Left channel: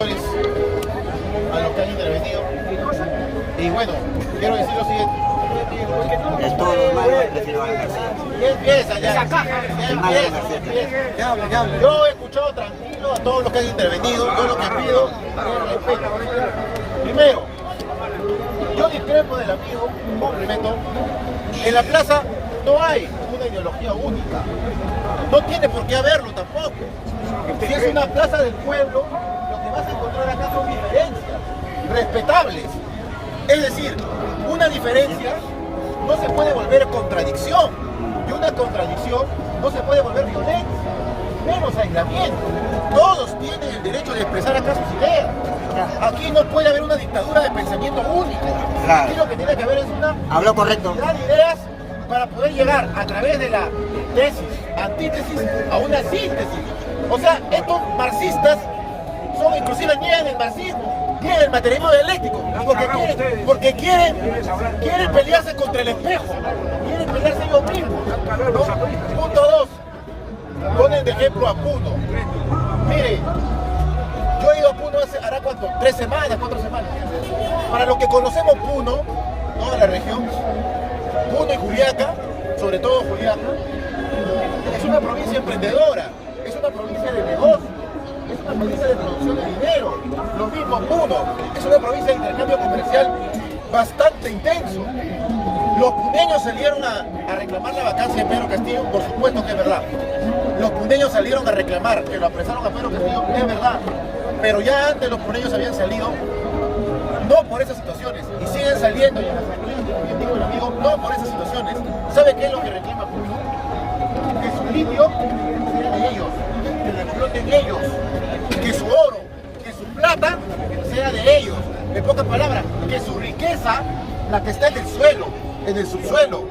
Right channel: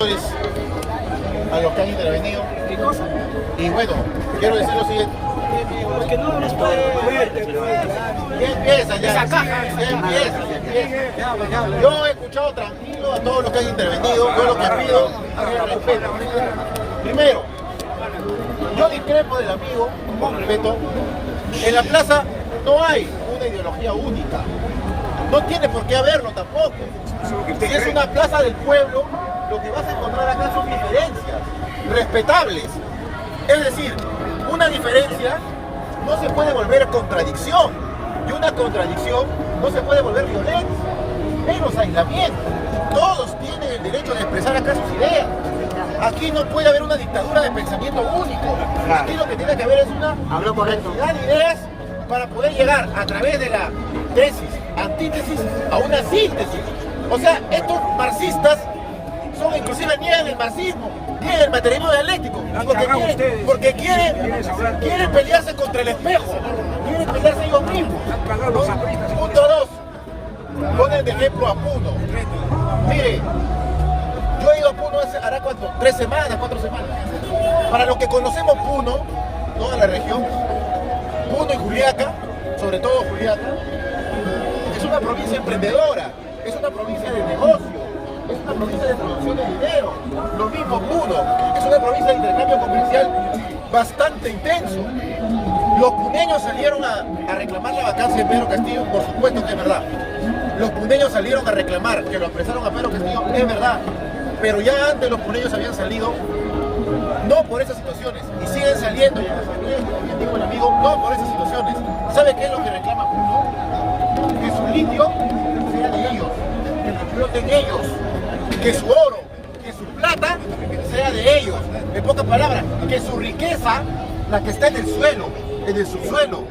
A los que han intervenido. Y bueno, quiero decir lo siguiente. Empieza ya. Yo he escuchado tranquilo a todos los que han intervenido. Yo lo que pido es respeto. Primero, yo discrepo del amigo con respeto. En la plaza no hay una ideología única. No tiene por qué haberlo tampoco. Si es una plaza del pueblo, lo que vas a encontrar acá son diferencias respetables. Es decir, una diferencia no se puede volver contradicción, y una contradicción no se puede volver violencia, menos aislamiento. Todos tienen el derecho de expresar acá sus ideas. Aquí no puede haber una dictadura de pensamiento único. Aquí lo que tiene que haber es una diversidad de ideas para poder llegar a través de la tesis, antítesis, a una síntesis. O sea, estos marxistas son inclusive niegan el marxismo, niegan el materialismo dialéctico, porque quieren pelearse contra el espejo, quieren pelearse ellos mismos, ¿no? Punto 2, ponen de ejemplo a Puno. Mire, yo he ido a Puno hará cuánto, 3 semanas, 4 semanas. Para los que conocemos Puno, toda la región, Puno y Juliaca, sobre todo Juliaca, es una provincia emprendedora, es una provincia de negocio, es una provincia de producción de dinero. Lo mismo Puno, es una provincia de intercambio comercial bastante intenso. Los puneños salieron a reclamar la vacancia de Pedro Castillo, por supuesto que es verdad. Los puneños salieron a reclamar que lo apresaron a Pedro Castillo, es verdad. Pero ya antes los puneños habían salido, no por esas situaciones, y siguen saliendo, y como bien dijo el amigo, no por esas situaciones. ¿Sabe qué es lo que reclama Puno? Que su litio sea de ellos, que lo exploten ellos, que su oro, que su plata sea de ellos. En pocas palabras, que su riqueza, la que está en el suelo, en el subsuelo,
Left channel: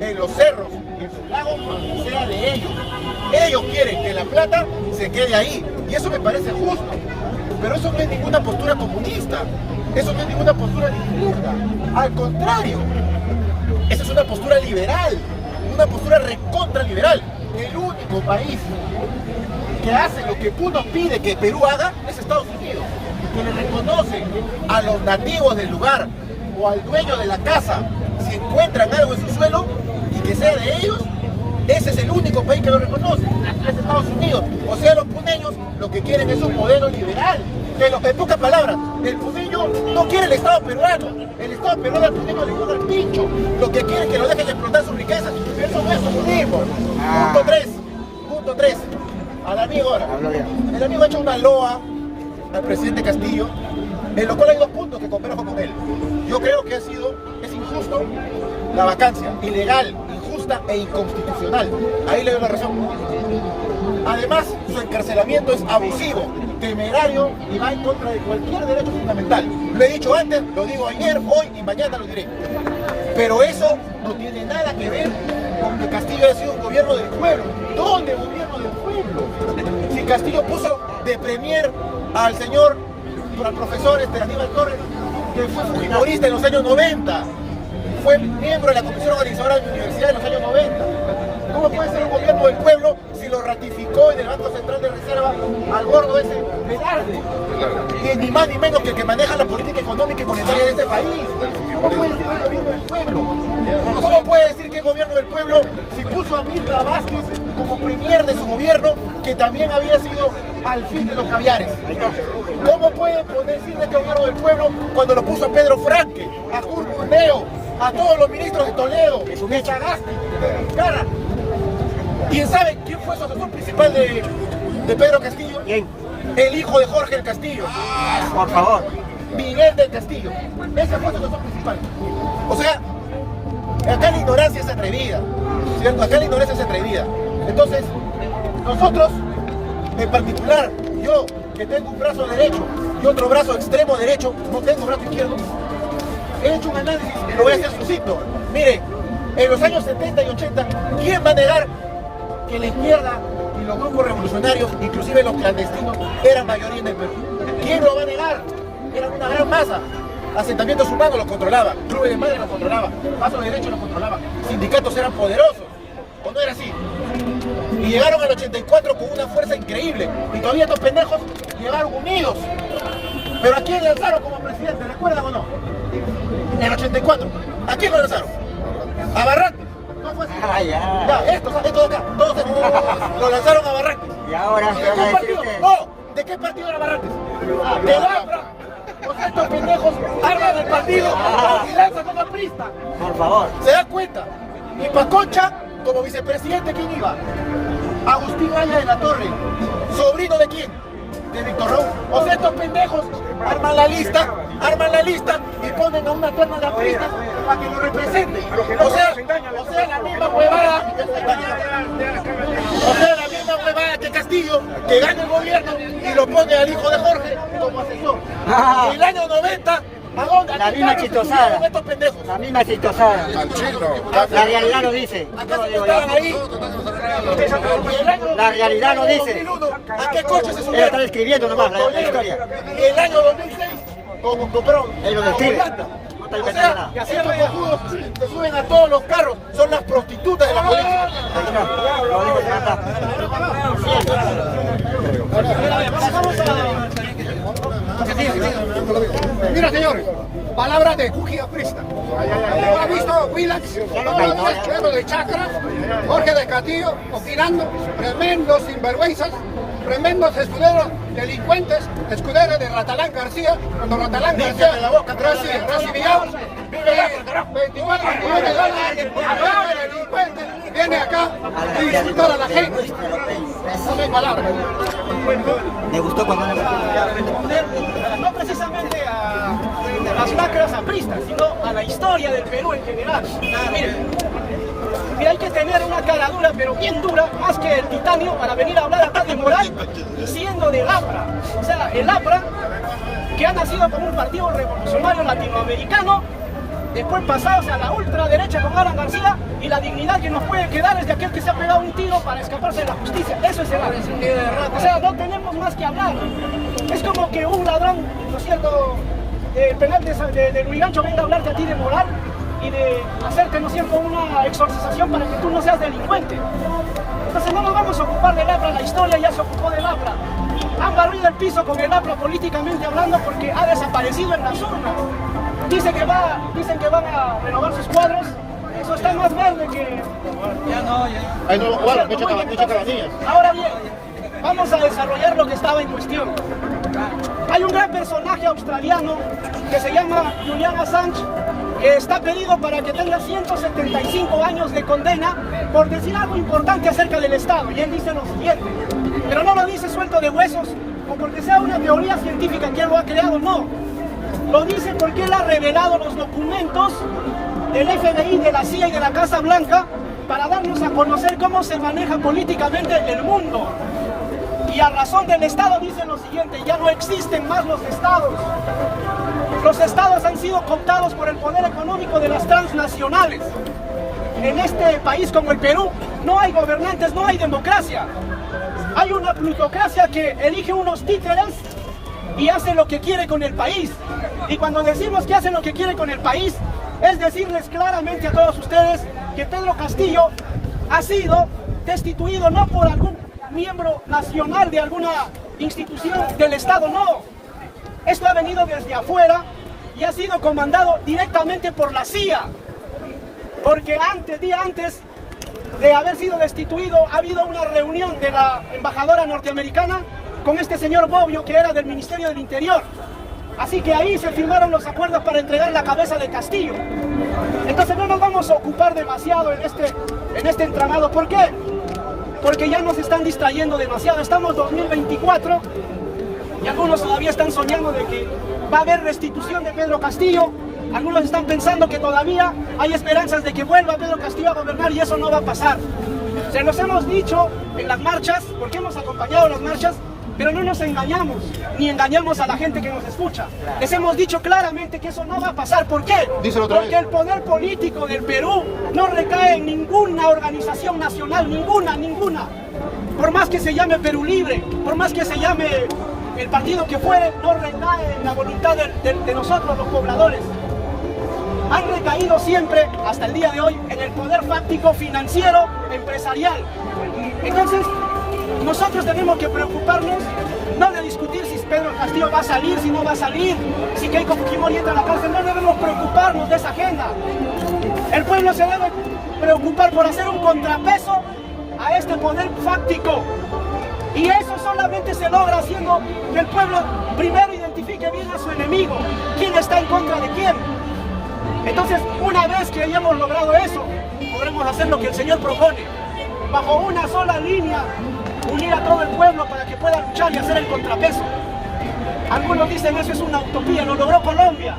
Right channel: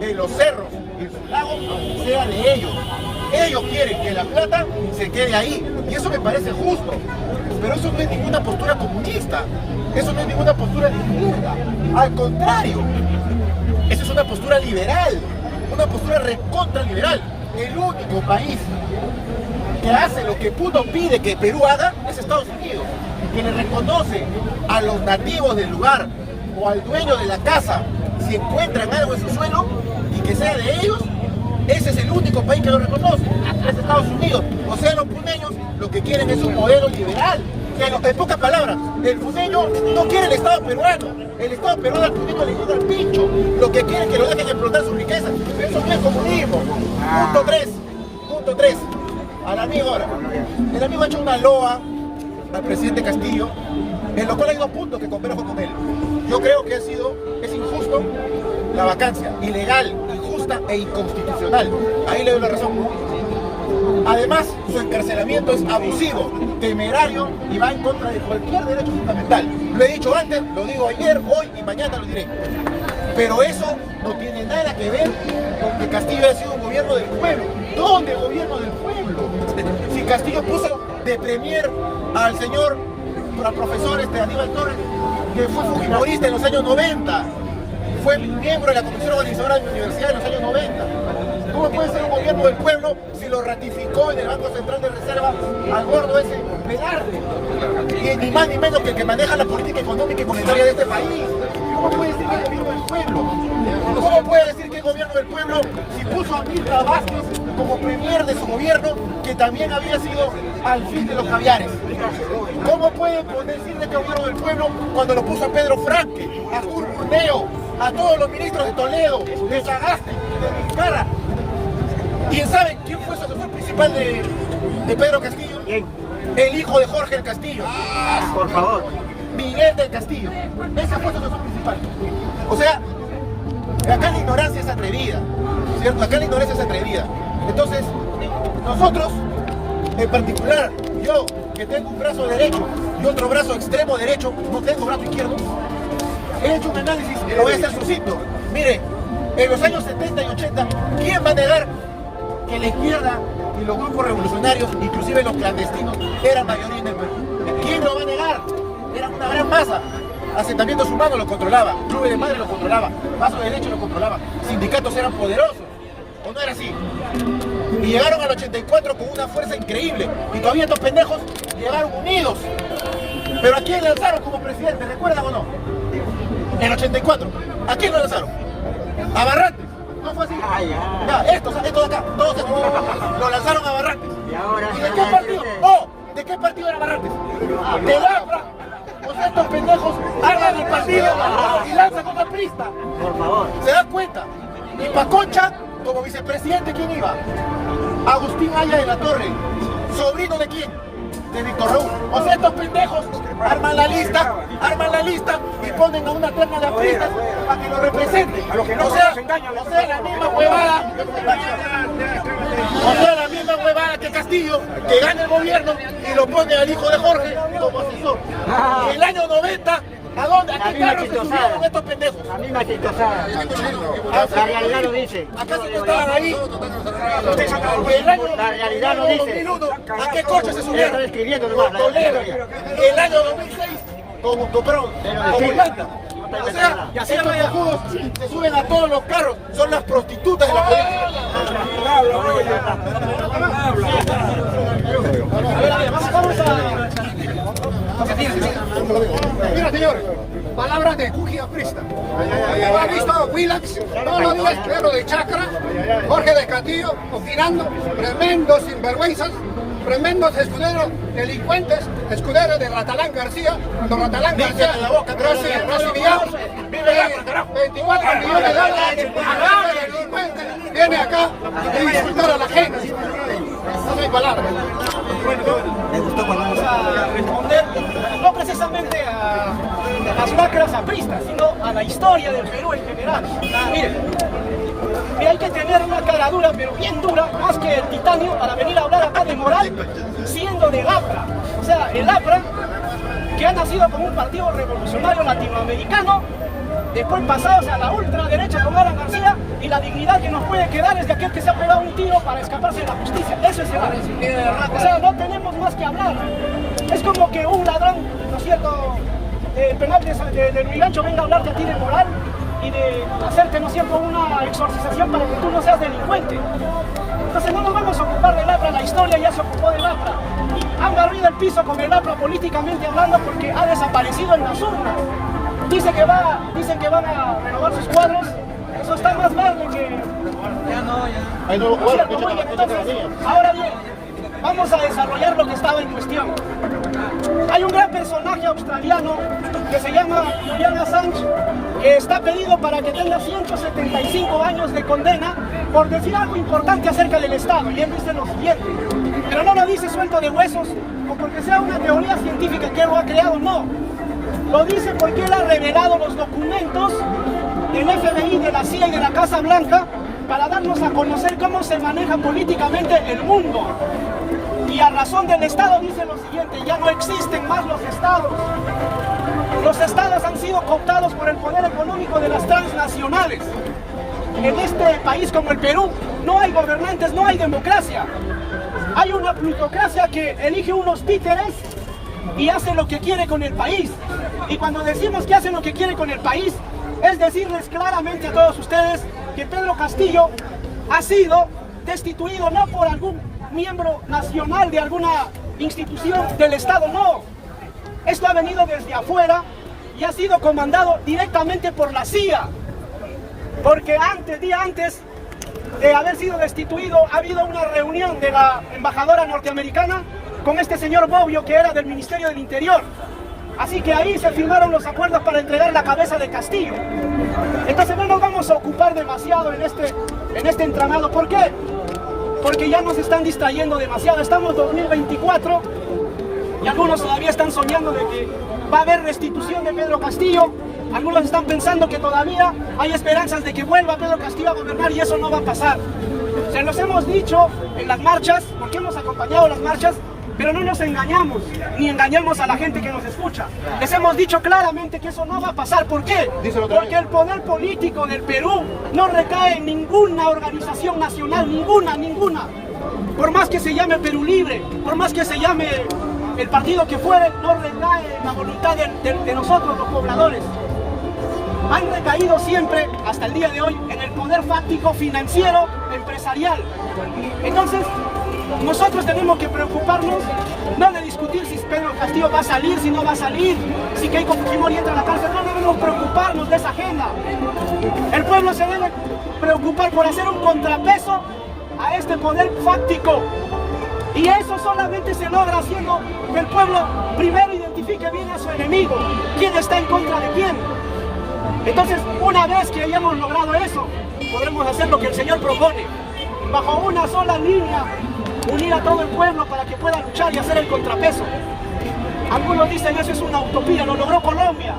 en los cerros y en sus lagos, sea de ellos. Ellos quieren que la plata se quede ahí, y eso me parece justo. Pero eso no es ninguna postura comunista, eso no es ninguna postura izquierda. Al contrario, esa es una postura liberal, una postura recontra liberal. El único país que hace lo que Puno pide que Perú haga es Estados Unidos, que le reconoce a los nativos del lugar o al dueño de la casa si encuentran algo en su suelo y que sea de ellos. Ese es el único país que lo reconoce, es Estados Unidos. O sea, los puneños lo que quieren es un modelo liberal. En pocas palabras, el puneño no quiere el Estado peruano. El Estado peruano al puneño le llega al pincho. Lo que quiere es que lo dejen explotar sus riquezas. Eso no es comunismo. Punto 3. Al amigo ahora. El amigo ha hecho una loa al presidente Castillo, en lo cual hay 2 puntos que converjo con él. Yo creo que es injusto la vacancia, ilegal, injusta e inconstitucional. Ahí le doy la razón. Además, su encarcelamiento es abusivo, temerario y va en contra de cualquier derecho fundamental. Lo he dicho antes, lo digo ayer, hoy y mañana lo diré. Pero eso no tiene nada que ver con que Castillo haya sido un gobierno del pueblo. ¿Dónde gobierno del pueblo? Si Castillo puso de premier al señor, al profesor Aníbal Torres, que fue fujimorista en los años 90, fue miembro de la comisión organizadora de la universidad en los años 90. ¿Cómo puede ser un gobierno del pueblo si lo ratificó en el Banco Central de Reserva al gordo ese Velarde? Y ni más ni menos que el que maneja la política económica y monetaria de este país. ¿Cómo puede decir que es gobierno del pueblo? ¿Cómo puede decir que es gobierno del pueblo si puso a Mirta Vázquez como premier de su gobierno, que también había sido al fin de los caviares? ¿Cómo puede decir que es gobierno del pueblo cuando lo puso a Pedro Franque, a Kurt Burneo, a todos los ministros de Toledo, de Sagasti, de Vizcarra? ¿Quién sabe quién fue su asesor principal de Pedro Castillo? ¿Quién? El hijo de Jorge del Castillo. Por favor. Miguel del Castillo. Ese fue su asesor principal. O sea, acá la ignorancia es atrevida, ¿cierto? Acá la ignorancia es atrevida. Entonces, nosotros, en particular, yo que tengo un brazo derecho y otro brazo extremo derecho, no tengo brazo izquierdo, he hecho un análisis y lo voy a hacer sucinto. Miren, en los años 70 y 80, ¿quién va a negar que la izquierda y los grupos revolucionarios, inclusive los clandestinos, eran mayoría en el Perú? ¿Quién lo va a negar? Eran una gran masa. Asentamientos humanos los controlaba, clubes de madre los controlaba, pasos de derecho los controlaba, sindicatos eran poderosos. ¿O no era así? Y llegaron al 84 con una fuerza increíble. Y todavía estos pendejos llegaron unidos. Pero ¿a quién lanzaron como presidente? ¿Recuerdan o no? En el 84. ¿A quién lo lanzaron? A Barrantes. ¿No fue así? Ya, estos de acá, todos estos, lo lanzaron a Barrantes. Y ahora ¿De qué partido? No, ¿de qué partido era Barrantes? De Labra. Pues estos pendejos arman el partido y lanzan una prista. Por favor. ¿Se dan cuenta? Y Paconcha, como vicepresidente, ¿quién iba? Agustín Maya de la Torre. ¿Sobrino de quién? De Víctor Raúl. O sea, estos pendejos arman la lista y ponen a una terna de apristas para que lo represente. O sea, la misma huevada. O sea, la misma huevada que Castillo, que gana el gobierno y lo pone al hijo de Jorge como asesor. En el año 90, ¿a dónde? ¿A qué carro se subieron estos pendejos? La misma chistosada. La realidad lo dice. ¿Acaso no estaban ahí? La realidad lo dice. ¿A qué coche se subieron? Están escribiendo nomás la historia. El año 2006 compraron Pero como mentira. llanta. O sea, que estos cojudos se suben a todos los carros, son las prostitutas de la política. Mira, señor, palabras de Cuji Aprista. ¿Ha visto Willax? Todos los días claro de Chacra, Jorge de Castillo, opinando, tremendos sinvergüenzas, tremendos escuderos, delincuentes, escuderos de Ratalán García, cuando Ratalán García, Rosy Vigamos, 24 millones de dólares, agarra de delincuentes, viene acá a insultar a la gente. No hay palabras. ¿Le gustó cuando Responder no precisamente a las lacras apristas, sino a la historia del Perú en general. Miren, que hay que tener una cara dura, pero bien dura, más que el titanio, para venir a hablar acá de moral, siendo del APRA. O sea, el APRA, que ha nacido como un partido revolucionario latinoamericano, después pasados a la ultraderecha con Alan García, y la dignidad que nos puede quedar es de aquel que se ha pegado un tiro para escaparse de la justicia. Eso es el APRA. O sea, no tenemos más que hablar. Es como que un ladrón, ¿no es cierto?, del penal de Luis Gancho venga a hablarte a ti de moral y de hacerte, ¿no es cierto?, una exorcización para que tú no seas delincuente. Entonces no nos vamos a ocupar del APRA, la historia ya se ocupó del APRA. Han barrido el piso con el APRA políticamente hablando porque ha desaparecido en las urnas. Dicen que van a renovar sus cuadros. Eso está más verde que... Ahí no, bueno, mucha cabanilla. Ahora bien, vamos a desarrollar lo que estaba en cuestión. Hay un gran personaje australiano que se llama Julian Assange, que está pedido para que tenga 175 años de condena por decir algo importante acerca del Estado. Y él dice lo siguiente, pero no lo dice suelto de huesos o porque sea una teoría científica que él lo ha creado, no. Lo dice porque él ha revelado los documentos del FBI, de la CIA y de la Casa Blanca para darnos a conocer cómo se maneja políticamente el mundo. Y a razón del Estado dice lo siguiente, ya no existen más los Estados. Los Estados han sido cooptados por el poder económico de las transnacionales. En este país como el Perú no hay gobernantes, no hay democracia. Hay una plutocracia que elige unos títeres y hace lo que quiere con el país. Y cuando decimos que hace lo que quiere con el país, es decirles claramente a todos ustedes que Pedro Castillo ha sido destituido no por algún miembro nacional de alguna institución del Estado, no. Esto ha venido desde afuera y ha sido comandado directamente por la CIA. Porque día antes de haber sido destituido, ha habido una reunión de la embajadora norteamericana con este señor Bobbio, que era del Ministerio del Interior. Así que ahí se firmaron los acuerdos para entregar la cabeza de Castillo. Entonces no nos vamos a ocupar demasiado en este entramado. ¿Por qué? Porque ya nos están distrayendo demasiado. Estamos en 2024 y algunos todavía están soñando de que va a haber restitución de Pedro Castillo. Algunos están pensando que todavía hay esperanzas de que vuelva Pedro Castillo a gobernar y eso no va a pasar. Se los hemos dicho en las marchas, porque hemos acompañado las marchas, pero no nos engañamos, ni engañamos a la gente que nos escucha. Les hemos dicho claramente que eso no va a pasar. ¿Por qué? Porque el poder político del Perú no recae en ninguna organización nacional, ninguna. Por más que se llame Perú Libre, por más que se llame el partido que fuere, no recae en la voluntad de nosotros los pobladores. Han recaído siempre, hasta el día de hoy, en el poder fáctico, financiero, empresarial. Entonces, Nosotros tenemos que preocuparnos no de discutir si Pedro Castillo va a salir, si no va a salir, si Keiko Fujimori entra a la cárcel. No debemos preocuparnos de esa agenda. El pueblo se debe preocupar por hacer un contrapeso a este poder fáctico. Y eso solamente se logra haciendo que el pueblo primero identifique bien a su enemigo, quién está en contra de quién. Entonces, una vez que hayamos logrado eso, podremos hacer lo que el Señor propone, bajo una sola línea, unir a todo el pueblo para que pueda luchar y hacer el contrapeso. Algunos dicen eso es una utopía, lo logró Colombia.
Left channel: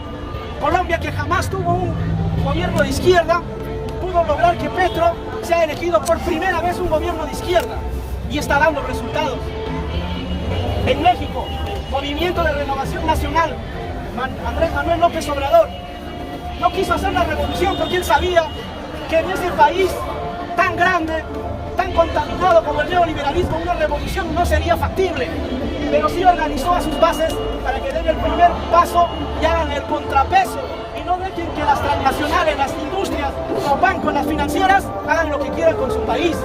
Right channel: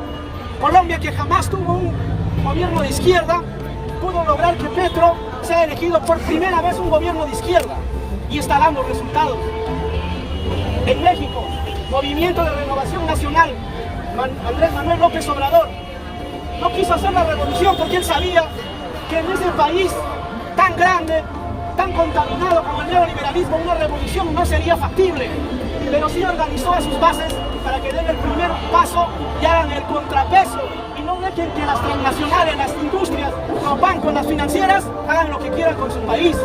Colombia, que jamás tuvo un gobierno de izquierda, pudo lograr que Petro sea elegido por primera vez un gobierno de izquierda y está dando resultados. En México, Movimiento de Renovación Nacional, Andrés Manuel López Obrador, no quiso hacer la revolución porque él sabía que en ese país tan grande, tan contaminado por el neoliberalismo, una revolución no sería factible. Pero sí organizó a sus bases para que den el primer paso y hagan el contrapeso y no dejen que las transnacionales, las industrias, los bancos, las financieras hagan lo que quieran con su país.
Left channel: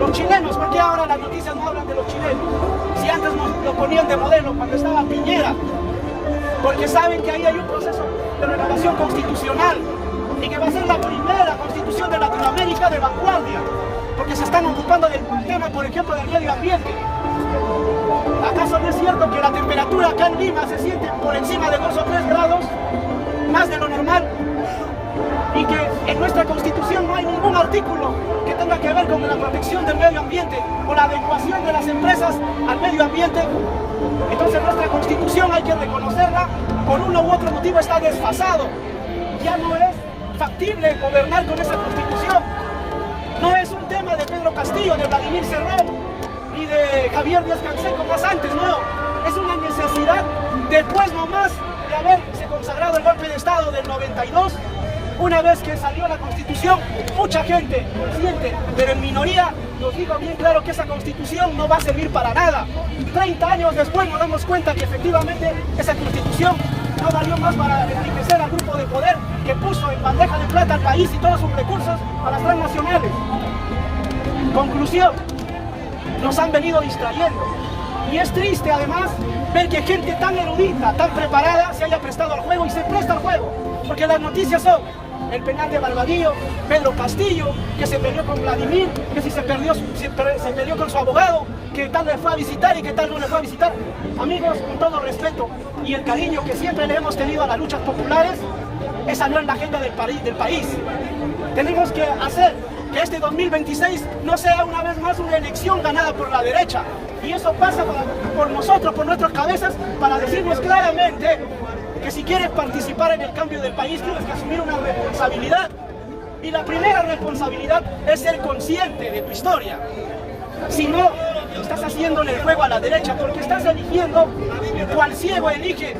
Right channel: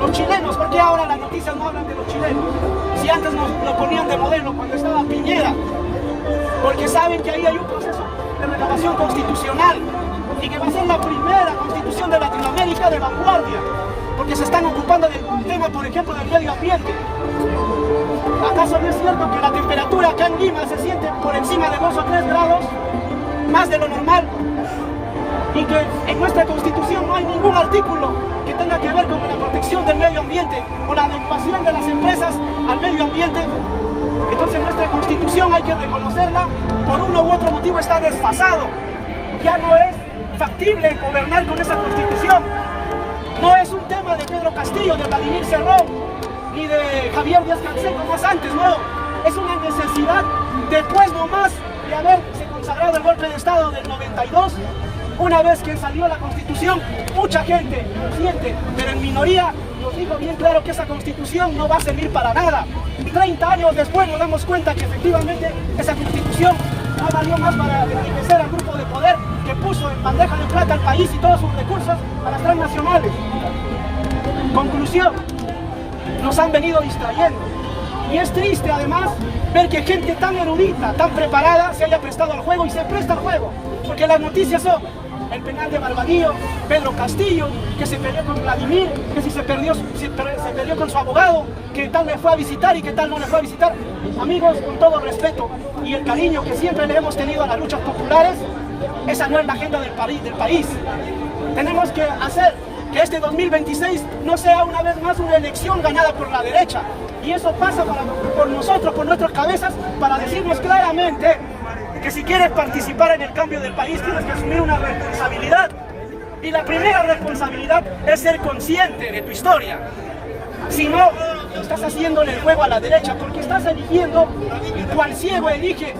Los chilenos, ¿por qué ahora las noticias no hablan de los chilenos? Si antes nos lo ponían de modelo cuando estaba Piñera, porque saben que ahí hay un proceso de renovación constitucional y que va a ser la primera constitución de Latinoamérica de vanguardia, porque se están ocupando del tema, por ejemplo, del medio ambiente. ¿Acaso no es cierto que la temperatura acá en Lima se siente por encima de 2 o 3 grados, más de lo normal? Y que en nuestra Constitución no hay ningún artículo que tenga que ver con la protección del medio ambiente o la adecuación de las empresas al medio ambiente. Entonces nuestra Constitución hay que reconocerla, por uno u otro motivo está desfasado. Ya no es factible gobernar con esa Constitución. No es un tema de Pedro Castillo, de Vladimir Cerrón, ni de Javier Díaz-Canseco más antes, no. Es una necesidad después nomás de haberse consagrado el golpe de Estado del 92. Una vez que salió la Constitución, mucha gente consciente, pero en minoría, nos dijo bien claro que esa Constitución no va a servir para nada. 30 años después nos damos cuenta que efectivamente esa Constitución no valió más para enriquecer al grupo de poder que puso en bandeja de plata al país y todos sus recursos a las transnacionales. Conclusión, nos han venido distrayendo. Y es triste además ver que gente tan erudita, tan preparada, se haya prestado al juego y se presta al juego. Porque las noticias son el penal de Barbadillo, Pedro Castillo, que se peleó con Vladimir, que si se peleó con su abogado, que tal le fue a visitar y que tal no le fue a visitar. Amigos, con todo respeto y el cariño que siempre le hemos tenido a las luchas populares, esa no es la agenda del país. Tenemos que hacer que este 2026 no sea una vez más una elección ganada por la derecha. Y eso pasa por nosotros, por nuestras cabezas, para decirnos claramente que si quieres participar en el cambio del país tienes que asumir una responsabilidad. Y la primera responsabilidad es ser consciente de tu historia. Si no, estás haciéndole el juego a la derecha porque estás eligiendo, cual ciego elige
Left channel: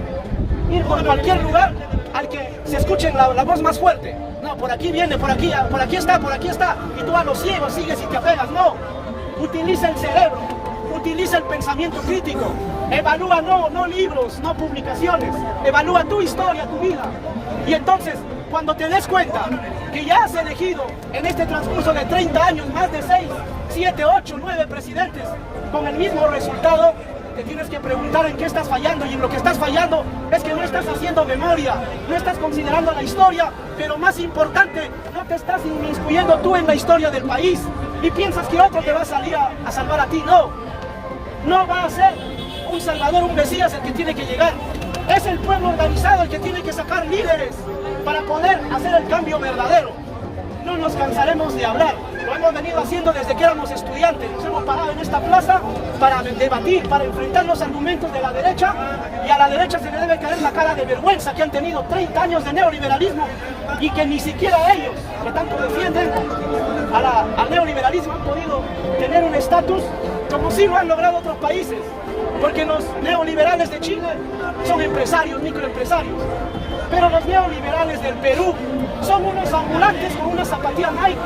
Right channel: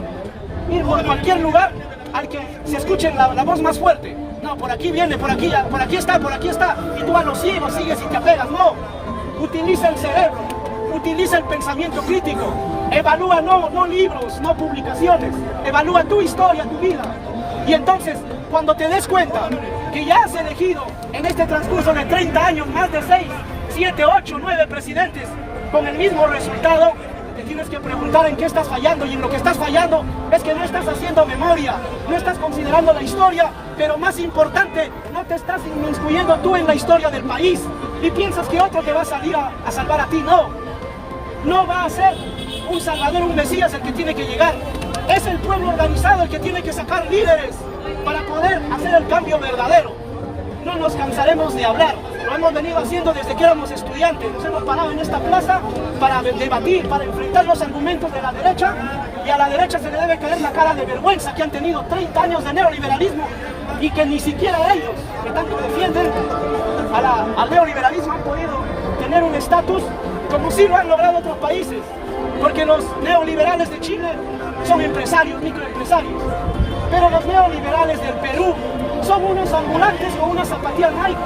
ir por cualquier lugar al que se escuche la voz más fuerte. No, por aquí viene, por aquí está, y tú a los ciegos sigues y te apegas. No, utiliza el cerebro, utiliza el pensamiento crítico, evalúa no libros, no publicaciones, evalúa tu historia, tu vida. Y entonces, cuando te des cuenta que ya has elegido en este transcurso de 30 años más de 6, 7, 8, 9 presidentes con el mismo resultado, te tienes que preguntar en qué estás fallando, y en lo que estás fallando es que no estás haciendo memoria, no estás considerando la historia, pero más importante, no te estás inmiscuyendo tú en la historia del país y piensas que otro te va a salir a salvar a ti. No va a ser un salvador, un mesías el que tiene que llegar. Es el pueblo organizado el que tiene que sacar líderes para poder hacer el cambio verdadero. No nos cansaremos de hablar, lo hemos venido haciendo desde que éramos estudiantes. Nos hemos parado en esta plaza para debatir, para enfrentar los argumentos de la derecha, y a la derecha se le debe caer la cara de vergüenza que han tenido 30 años de neoliberalismo y que ni siquiera ellos, que tanto defienden al neoliberalismo, han podido tener un estatus como si lo han logrado otros países, porque los neoliberales de Chile son empresarios, microempresarios, pero los neoliberales del Perú son unos ambulantes con una zapatilla Nike,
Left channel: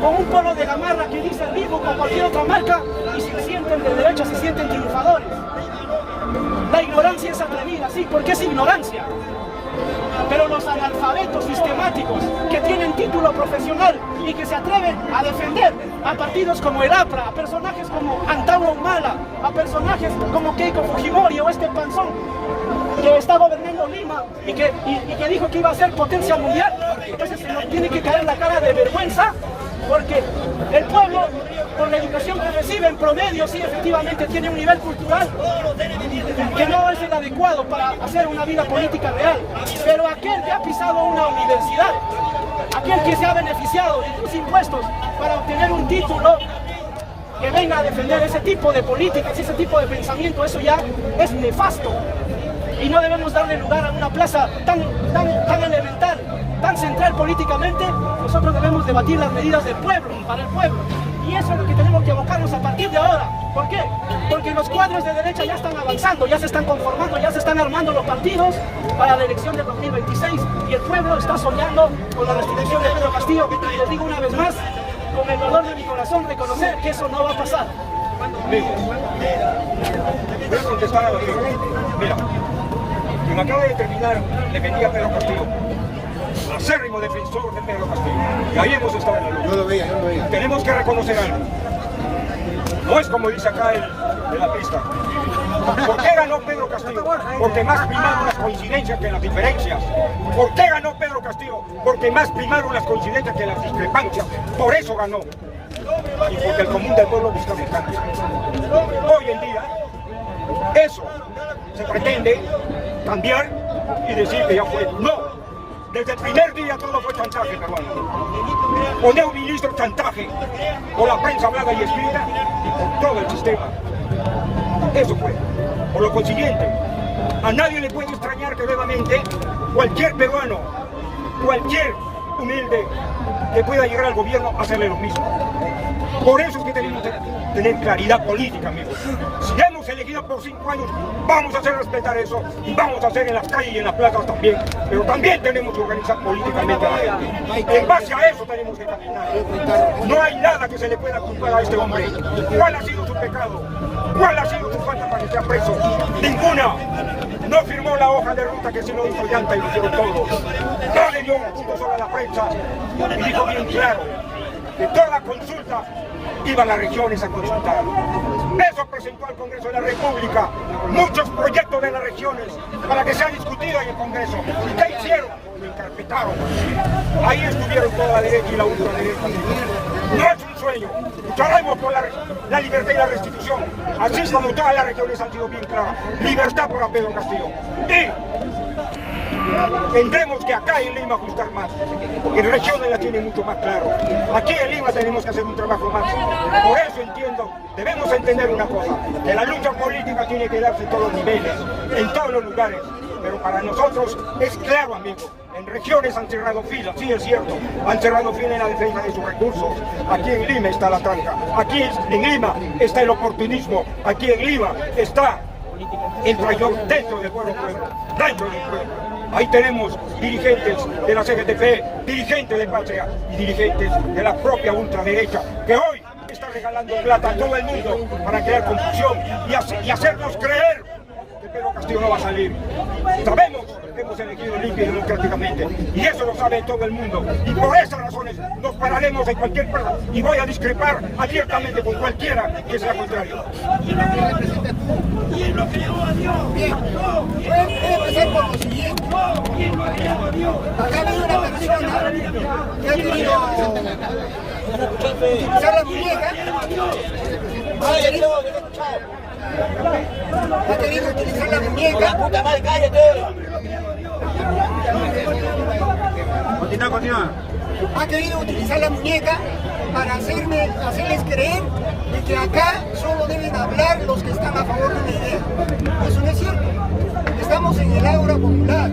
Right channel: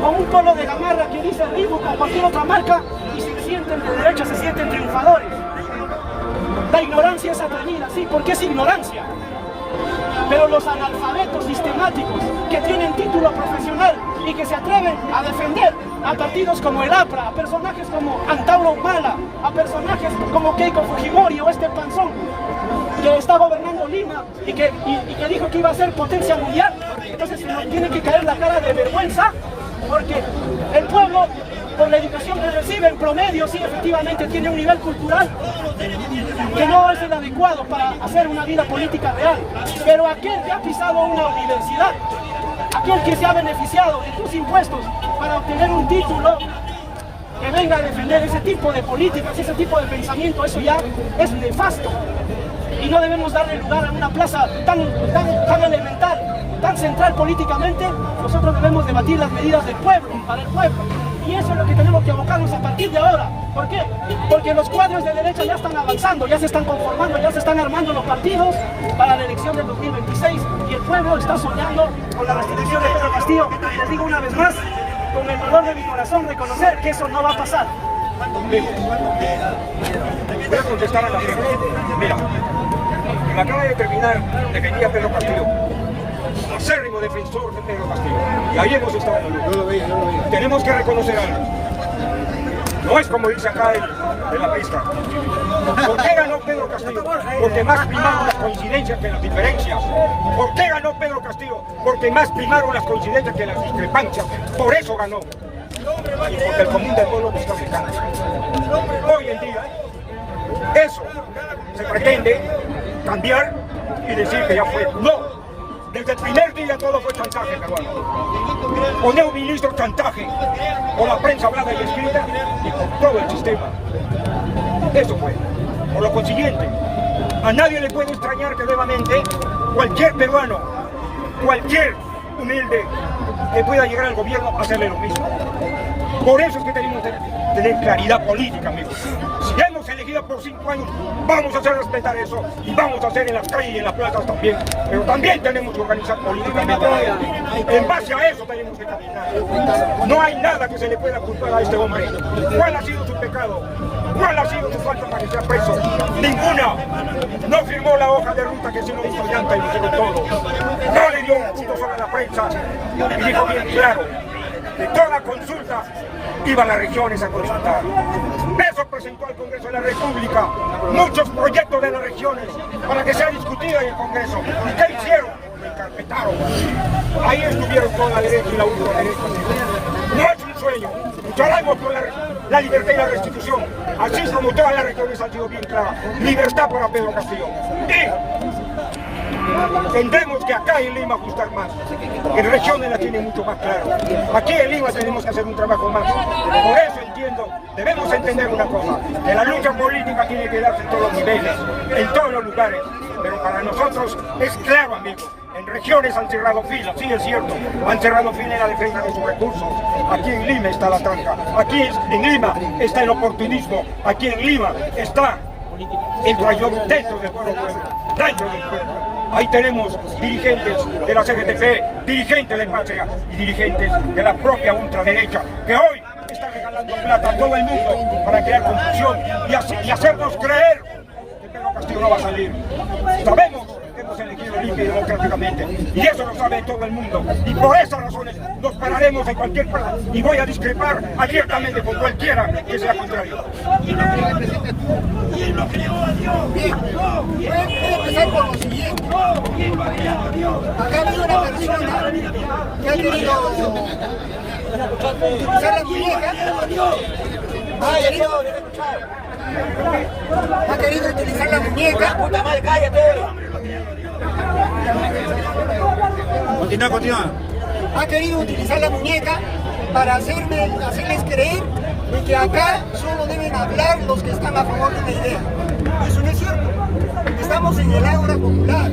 con un polo de gamarra que dice Reebok o cualquier otra marca, y se sienten de derecha, se sienten triunfadores. La ignorancia es atrevida, sí, porque es ignorancia. Pero los analfabetos sistemáticos que tienen título profesional y que se atreven a defender a partidos como el APRA, a personajes como Antauro Humala, a personajes como Keiko Fujimori o este panzón que está gobernando Lima y que dijo que iba a ser potencia mundial. Entonces se nos tiene que caer la cara de vergüenza, porque el pueblo, por la educación que recibe en promedio, sí efectivamente tiene un nivel cultural que no es el adecuado para hacer una vida política real. Pero aquel que ha pisado una universidad, aquel que se ha beneficiado de tus impuestos para obtener un título, que venga a defender ese tipo de políticas, ese tipo de pensamiento, eso ya es nefasto. Y no debemos darle lugar a una plaza tan elemental, tan central políticamente. Nosotros debemos debatir las medidas del pueblo, para el pueblo. Y eso es lo que tenemos que abocarnos a partir de ahora. ¿Por qué? Porque los cuadros de derecha ya están avanzando, ya se están conformando, ya se están armando los partidos para la elección del 2026. Y el pueblo está soñando con la restitución de Pedro Castillo. Y les digo una vez más, con el dolor de mi corazón, reconocer que eso no va a pasar. Voy a contestar a la pregunta. Mira, me acaba de terminar, defendía a Pedro Castillo, acérrimo defensor de Pedro Castillo, y ahí hemos estado. Tenemos que reconocer algo. No es como dice acá en la pista. ¿Por qué ganó Pedro Castillo? Porque más primaron las coincidencias que las diferencias. ¿Por qué ganó Pedro Castillo? Porque más primaron las coincidencias que las discrepancias. Por eso ganó. Y porque el común del pueblo busca mecanismos. Hoy en día, eso se pretende cambiar y decir que ya fue. No, desde el primer día todo fue chantaje peruano. Poner un ministro chantaje por la prensa hablada y escrita y por todo el sistema. Eso fue. Por lo consiguiente, a nadie le puede extrañar que nuevamente cualquier peruano, cualquier humilde que pueda llegar al gobierno a hacerle lo mismo. Por eso es que tenemos que tener claridad política, amigos. Si hemos elegido por 5 años, vamos a hacer respetar eso y vamos a hacer en las calles y en las plazas también. Pero también tenemos que organizar políticamente. En base a eso tenemos que caminar. No hay nada que se le pueda culpar a este hombre. ¿Cuál ha sido su pecado? ¿Cuál ha sido su falta para que sea preso? Ninguna. No firmó la hoja de ruta que se lo hizo Llanta y lo hicieron todos. No le dio un punto sobre la prensa y dijo bien claro que toda consulta iba a las regiones a consultar. Eso presentó al Congreso de la República muchos proyectos de las regiones para que sea discutido en el Congreso. ¿Y qué hicieron? Lo encarpetaron. Ahí estuvieron toda la derecha y la ultraderecha. No es un sueño. Lucharemos por la libertad y la restitución. Así como todas las regiones han sido bien claras. Libertad para Pedro Castillo. Y tendremos que acá en Lima ajustar más, porque en regiones la tienen mucho más claro. Aquí en Lima tenemos que hacer un trabajo más. Por eso entiendo, debemos entender una cosa, que la lucha política tiene que darse en todos los niveles, en todos los lugares. Pero para nosotros es claro, amigos, en regiones han cerrado filas, sí es cierto, han cerrado filas en la defensa de sus recursos. Aquí en Lima está la tranca, aquí en Lima está el oportunismo, aquí en Lima está el mayor dentro del pueblo, dentro del pueblo. Ahí tenemos dirigentes de la CGTP, dirigentes de Patria y dirigentes de la propia ultraderecha, que hoy están regalando plata a todo el mundo para crear confusión y hacernos creer que Pedro Castillo no va a salir. Sabemos que hemos elegido limpio y democráticamente, y eso lo sabe todo el mundo, y por esas razones nos pararemos en cualquier parte, y voy a discrepar abiertamente con cualquiera que sea contrario. Bien, voy a empezar por lo siguiente. Acá ha habido una persona que ha querido utilizar la muñeca. Ha querido utilizar la muñeca. Continúa. Ha querido utilizar la muñeca para hacerles creer de que acá solo deben hablar los que están a favor de una idea. Eso no es cierto. Estamos en el Ágora Popular.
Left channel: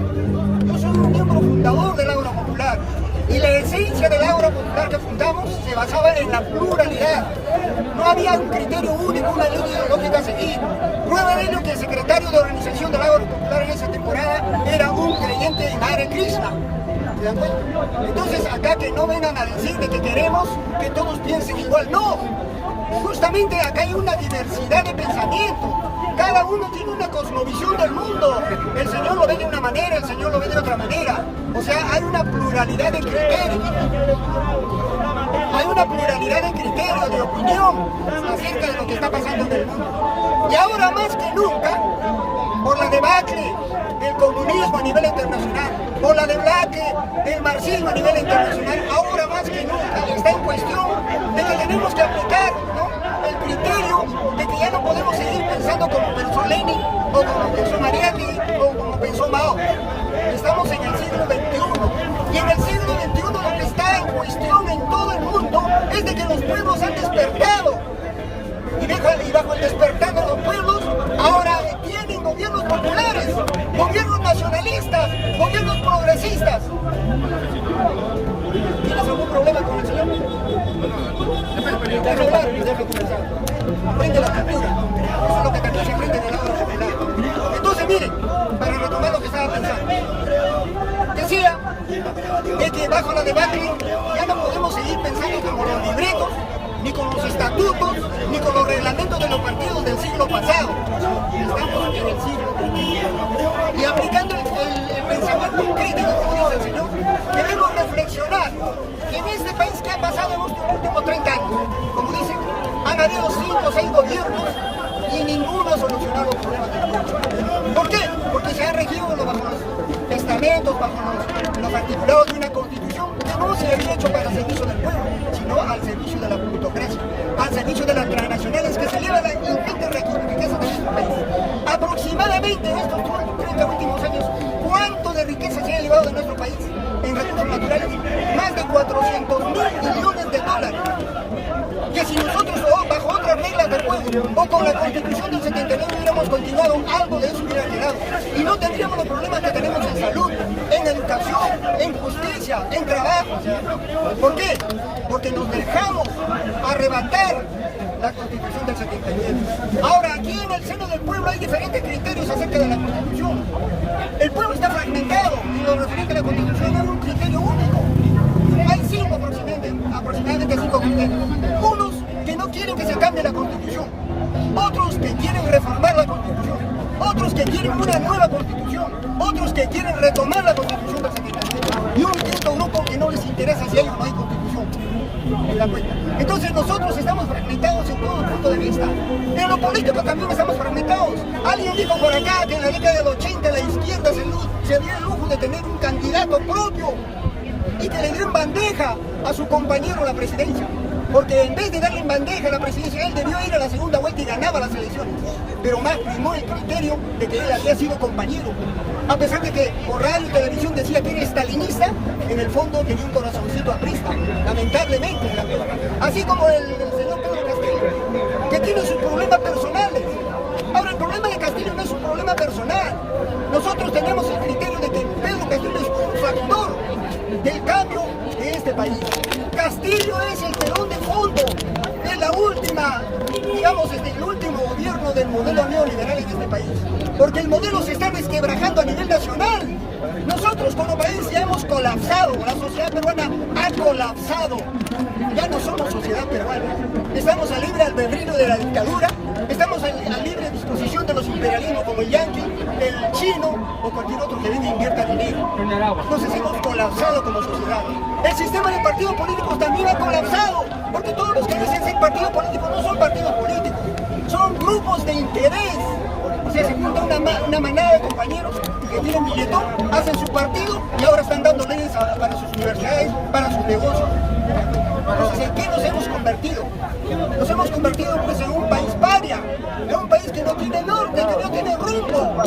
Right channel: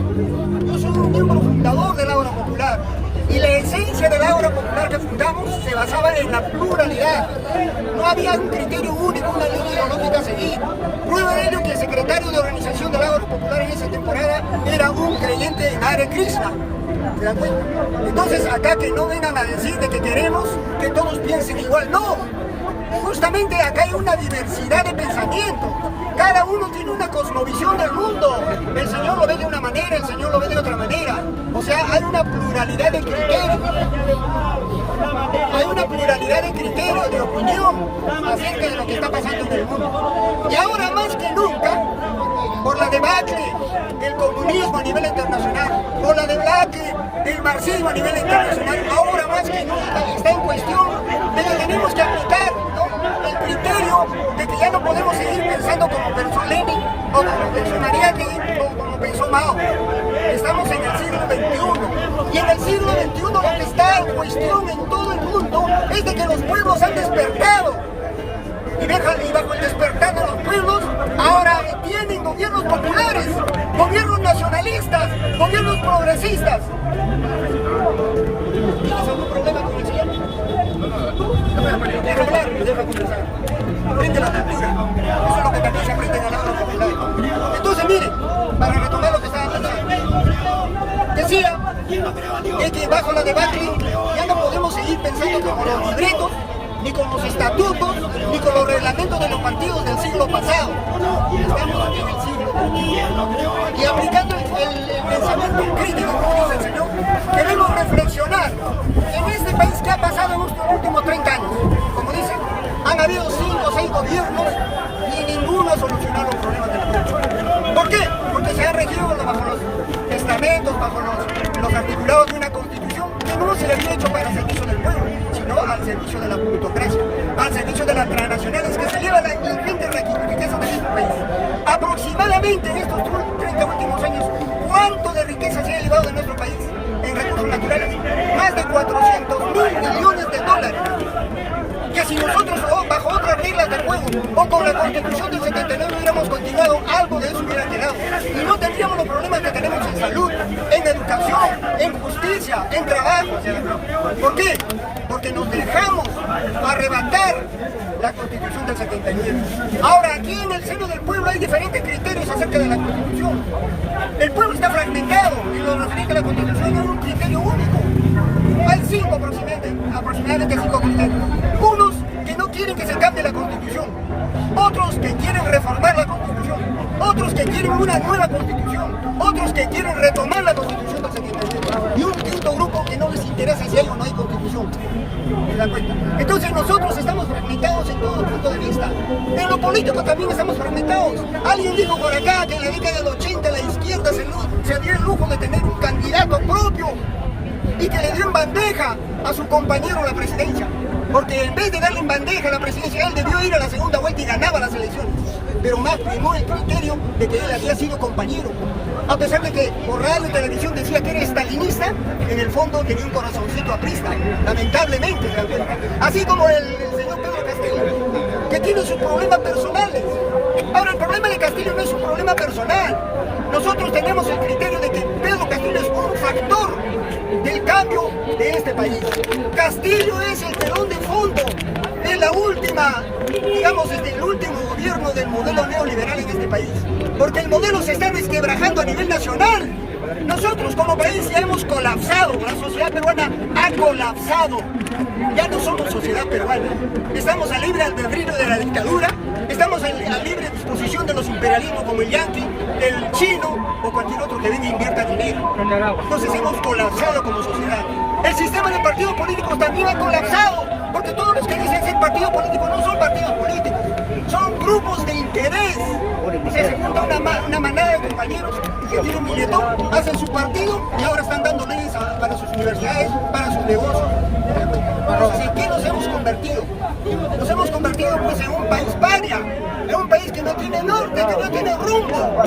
Yo soy un miembro fundador del Ágora Popular. Y la esencia del Ágora Popular que fundamos se basaba en la pluralidad. No había un criterio único, una línea ideológica a seguir. Prueba de ello que el secretario de organización del Ágora Popular en esa temporada era un creyente en Hare Krishna. ¿Se dan cuenta? Entonces acá que no vengan a decir de que queremos que todos piensen igual. ¡No! Justamente acá hay una diversidad de pensamiento. Cada uno tiene una cosmovisión del mundo. El Señor lo ve de una manera, el Señor lo ve de otra manera. O sea, hay una pluralidad de criterios. Hay una pluralidad de criterios, del mundo. Y ahora más que nunca, por la debacle del comunismo a nivel internacional, por la debacle del marxismo a nivel internacional, ahora más que nunca está en cuestión de que tenemos que aplicar, ¿no?, el criterio de que ya no podemos seguir pensando como pensó Lenin o como pensó Mariátegui o como pensó Mao. Estamos en el siglo XXI y en el siglo XXI lo que está en cuestión en todo el mundo es de que los pueblos han despertado y bajo el despertar de los pueblos ahora tienen gobiernos populares, gobiernos nacionalistas, gobiernos progresistas. ¿Tienes algún problema con el señor? Deja hablar, deja conversar. Aprende la cultura. Eso es lo que también se aprende en el aula popular. Entonces, miren, para retomar lo que estaba pensando, decía que bajo la debacle ya no podemos seguir pensando con los libretos, ni con los estatutos, ni con los reglamentos de los partidos del siglo pasado. Estamos aquí en el siglo XXI. Y aplicando el pensamiento crítico, como dice el señor, debemos reflexionar en este país que ha pasado en los últimos 30 años. Como dicen, han habido 5 o 6 gobiernos y ninguno ha solucionado los problemas del pueblo. ¿Por qué? Porque se ha regido bajo los testamentos, bajo los articulados de una constitución que no se había hecho para el servicio del pueblo, sino al servicio de la plutocracia, al servicio de las transnacionales que se llevan la ingente riqueza de nuestro país. Aproximadamente en estos 30 últimos años, ¿cuánto de riqueza se ha llevado de nuestro país en recursos naturales? Más de 400.000 millones de dólares. Que si nosotros bajo otras reglas del juego o con la Constitución del 79 hubiéramos continuado, algo de eso hubiera quedado y no tendríamos los problemas que tenemos en salud, en educación, en justicia, en trabajo. ¿Por qué? Porque nos dejamos arrebatar la Constitución del 79. Ahora, aquí en el seno del pueblo hay diferentes criterios acerca de la Constitución. El pueblo está fragmentado y lo referente a la Constitución es un criterio único. Hay 5 aproximadamente 5 criterios. Unos que no quieren que se cambie la Constitución, otros que quieren reformar la Constitución, otros que quieren una nueva Constitución, otros que quieren retomar la Constitución del 79 y un quinto grupo que no les interesa si hay o no hay Constitución. Entonces nosotros estamos fragmentados en todo punto de vista. En lo político también estamos fragmentados. Alguien dijo por acá que en la década del 80 la izquierda se dio el lujo de tener un candidato propio y que le dio en bandeja a su compañero la presidencia, porque en vez de darle en bandeja a la presidencia, él debió ir a la segunda vuelta y ganaba las elecciones, pero más primó el criterio de que él había sido compañero, a pesar de que por radio y televisión decía que era estalinista, en el fondo tenía un corazoncito aprista, lamentablemente, así como el señor Pedro Castillo, que tiene sus problemas personales. Ahora, el problema de Castillo no es un problema personal. Nosotros tenemos el criterio de que Pedro Castillo es un factor del cambio de este país. Castillo es el telón de fondo de la última, digamos, el último gobierno del modelo neoliberal en este país. Porque el modelo se está desquebrajando a nivel nacional. Nosotros como país ya hemos colapsado, la sociedad peruana ha colapsado. Ya no somos sociedad peruana. Estamos a libre albedrío de la dictadura, estamos a libre disposición de los imperialismos como el yanqui, el chino o cualquier otro que venga e invierta dinero. Entonces hemos colapsado como sociedad. El sistema de partidos políticos también ha colapsado, porque todos los que dicen ser partidos políticos no son partidos políticos, son grupos de interés. O sea, se junta una manada de compañeros que tienen billetón, hacen su partido y ahora están dando leyes para sus universidades, para sus negocios. Entonces, ¿en qué nos hemos convertido? Nos hemos convertido pues en un país paria, en un país que no tiene norte, que no tiene rumbo.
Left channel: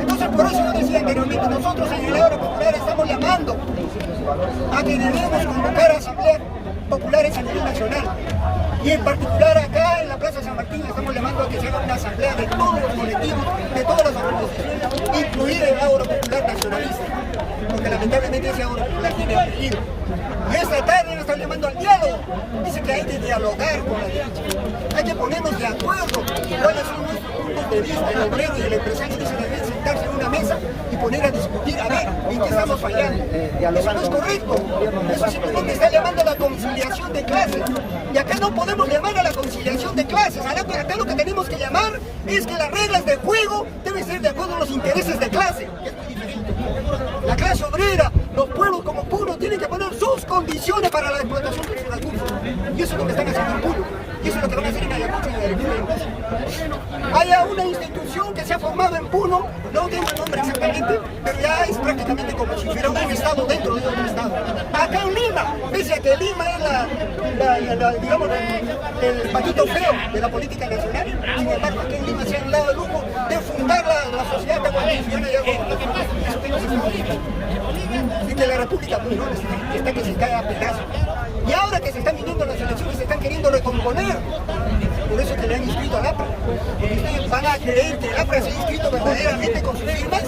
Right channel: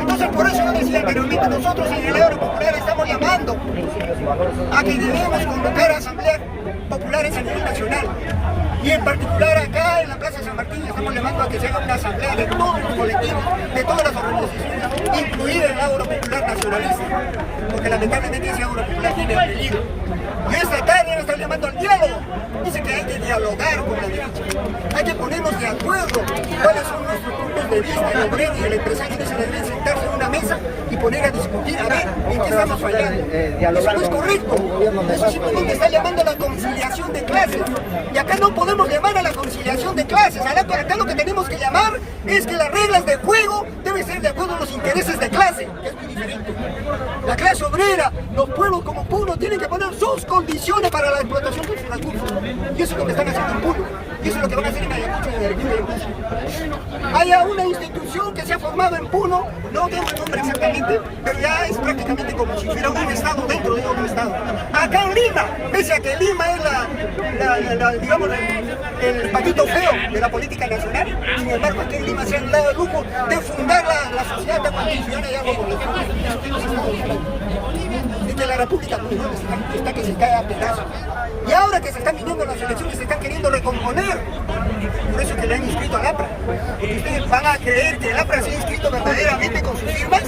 Entonces, por eso yo decía anteriormente, nosotros en el Ágora Popular estamos llamando a que debemos convocar a asambleas populares a nivel nacional. Y en particular acá en la Plaza San Martín estamos llamando a que se haga una asamblea de todos los colectivos, de todas las organizaciones, incluida el Ágora Popular Nacionalista, porque lamentablemente ese Ágora Popular tiene apellido. Y esta tarde nos están llamando al diálogo. Dice que hay que dialogar con la derecha, hay que ponernos de acuerdo cuáles son nuestros puntos de vista. El obrero y el empresario dicen que deben sentarse en una mesa y poner a discutir, a ver en qué estamos fallando. Eso no es correcto. Eso simplemente está llamando a la conciliación de clases. Y acá no podemos llamar a la conciliación de clases. Acá lo que tenemos que llamar es que las reglas de juego deben ser de acuerdo a los intereses de clase, que es muy diferente. La clase obrera, los pueblos como Puno tienen que poner sus condiciones para la explotación de sus recursos. Y eso es lo que están haciendo en Puno. Y eso es lo que van a hacer en Ayacucho y en Arequipa. Haya una institución que se ha formado en Puno, no tengo el nombre exactamente, pero ya es prácticamente como si fuera un estado dentro de otro estado. Acá en Lima, pese a que Lima es digamos, el patito feo de la política nacional, sin embargo aquí en Lima se han dado el lujo de fundar la sociedad tahuantinsuana y algo por el estilo. Así que la República está que se cae a pedazos. Y ahora que se están viniendo las elecciones, se están queriendo recomponer. Por eso es que le han inscrito al APRA. Porque ustedes van a creer que el APRA se ha inscrito verdaderamente con sus firmas.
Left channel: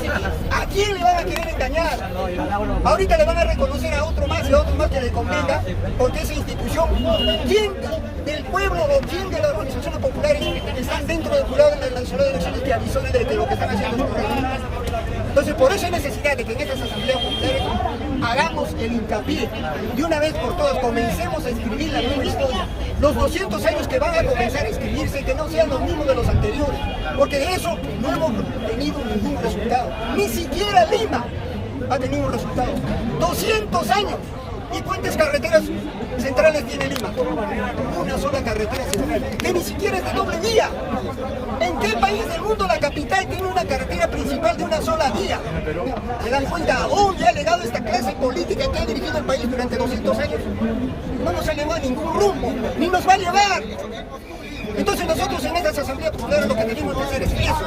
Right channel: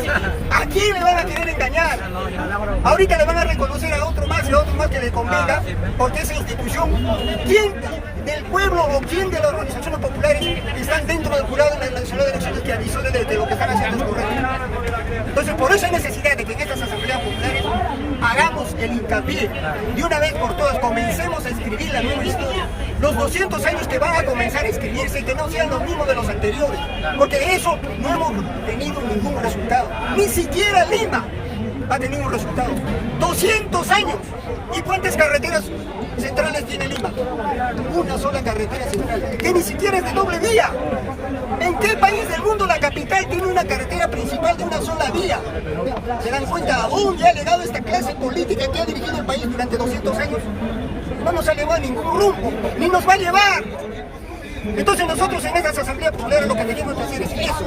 ¿A quién le van a querer engañar? Ahorita le van a reconocer a otro más y a otro más que le convenga, porque esa institución, ¿quién del pueblo o quién de las organizaciones populares están dentro del jurado de la Nacional de Elecciones que avisó de lo que están haciendo es correcto? Entonces, por eso hay necesidad de que en estas asambleas populares hagamos el hincapié de una vez por todas, comencemos a escribir la nueva historia. Los 200 años que van a comenzar a escribirse, que no sean los mismos de los anteriores, porque de eso no hemos tenido ningún resultado. Ni siquiera Lima ha tenido un resultado. 200 años. ¿Y cuántas carreteras centrales tiene Lima? Una sola carretera central, que ni siquiera es de doble vía. ¿En qué país del mundo la capital tiene una carretera principal de una sola vía? ¿Se dan cuenta a dónde ha legado esta clase política que ha dirigido el país durante 200 años? No nos ha llevado a ningún rumbo, ni nos va a llevar. Entonces nosotros en estas asambleas populares lo que tenemos que hacer es eso,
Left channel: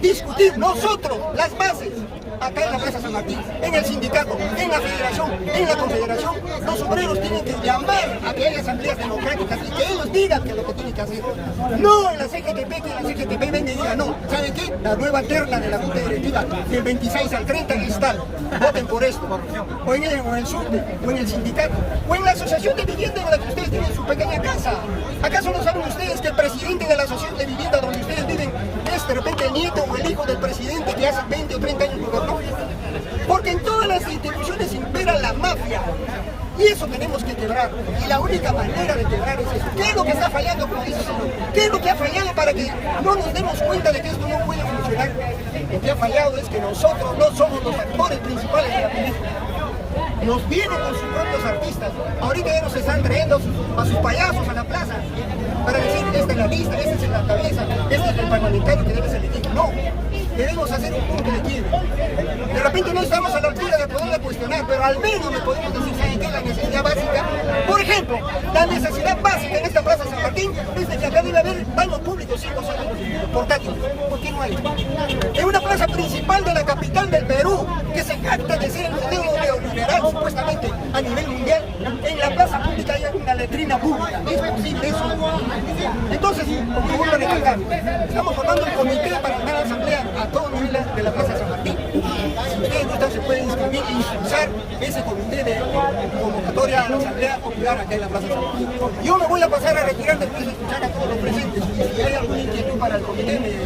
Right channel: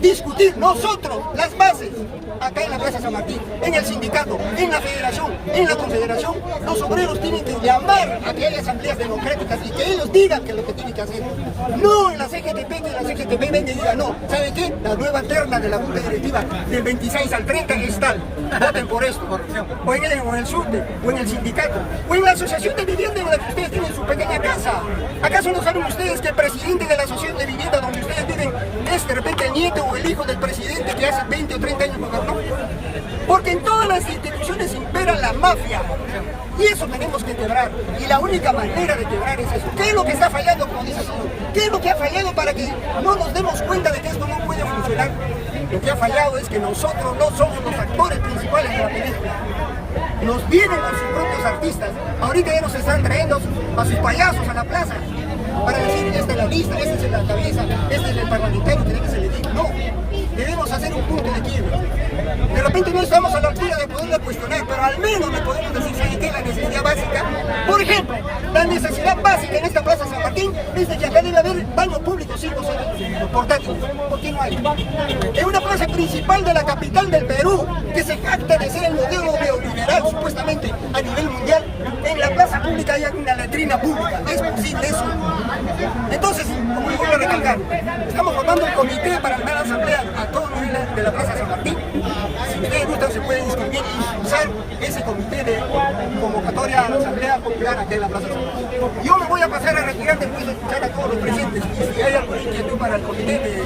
discutir nosotros las bases, acá en la Plaza San Martín, en el sindicato, en la federación, en la confederación. Los obreros tienen que llamar a que haya asambleas democráticas y que ellos digan que es lo que tienen que hacer. No en la CGTP, que la CGTP venga y diga, no, ¿sabe qué? La nueva terna de la Junta Directiva del 26 al 30 es tal, voten por esto. O en el SUTE, o en el sindicato, o en la asociación de vivienda en la que ustedes tienen su pequeña casa. ¿Acaso no saben ustedes que el presidente de la asociación de vivienda donde ustedes viven es de repente el nieto o el hijo del presidente que hace 20 o 30 años gobernó? Porque en todas las instituciones impera la mafia. Y eso tenemos que quebrar. Y la única manera de quebrar es eso. ¿Qué es lo que está fallando, como dice el señor? ¿Qué es lo que ha fallado para que no nos demos cuenta de que esto no puede funcionar? Lo que ha fallado es que nosotros no somos los actores principales de la película. Nos vienen con sus propios artistas. Ahorita ya nos están trayendo a sus payasos a la plaza para decir, esta es la lista, este es en la cabeza, este es el parlamentario que debe ser elegido. No, debemos hacer un punto de quiebre. De repente no estamos a la altura de poderla cuestionar, pero al menos le podemos decir, ¿saben qué? La necesidad básica. Por ejemplo, la necesidad básica en esta Plaza San Martín es de que acá debe haber baños públicos, sí, portátiles. ¿Por qué no hay? Es una plaza principal de la capital del Perú, que se jacta de ser el modelo neoliberal, supuestamente, a nivel mundial. En la plaza pública hay una letrina pública. ¿Es posible eso? Entonces, como les voy a recalcar, estamos formando un comité para armar la asamblea a todo nivel de la Plaza San Martín. Si ustedes gustan, se pueden inscribir y usar ese comité de convocatoria a la asamblea popular acá en la Plaza San Martín. Yo me voy a pasar a retirar después de escuchar a todos los presentes. Y si hay alguna inquietud para el comité de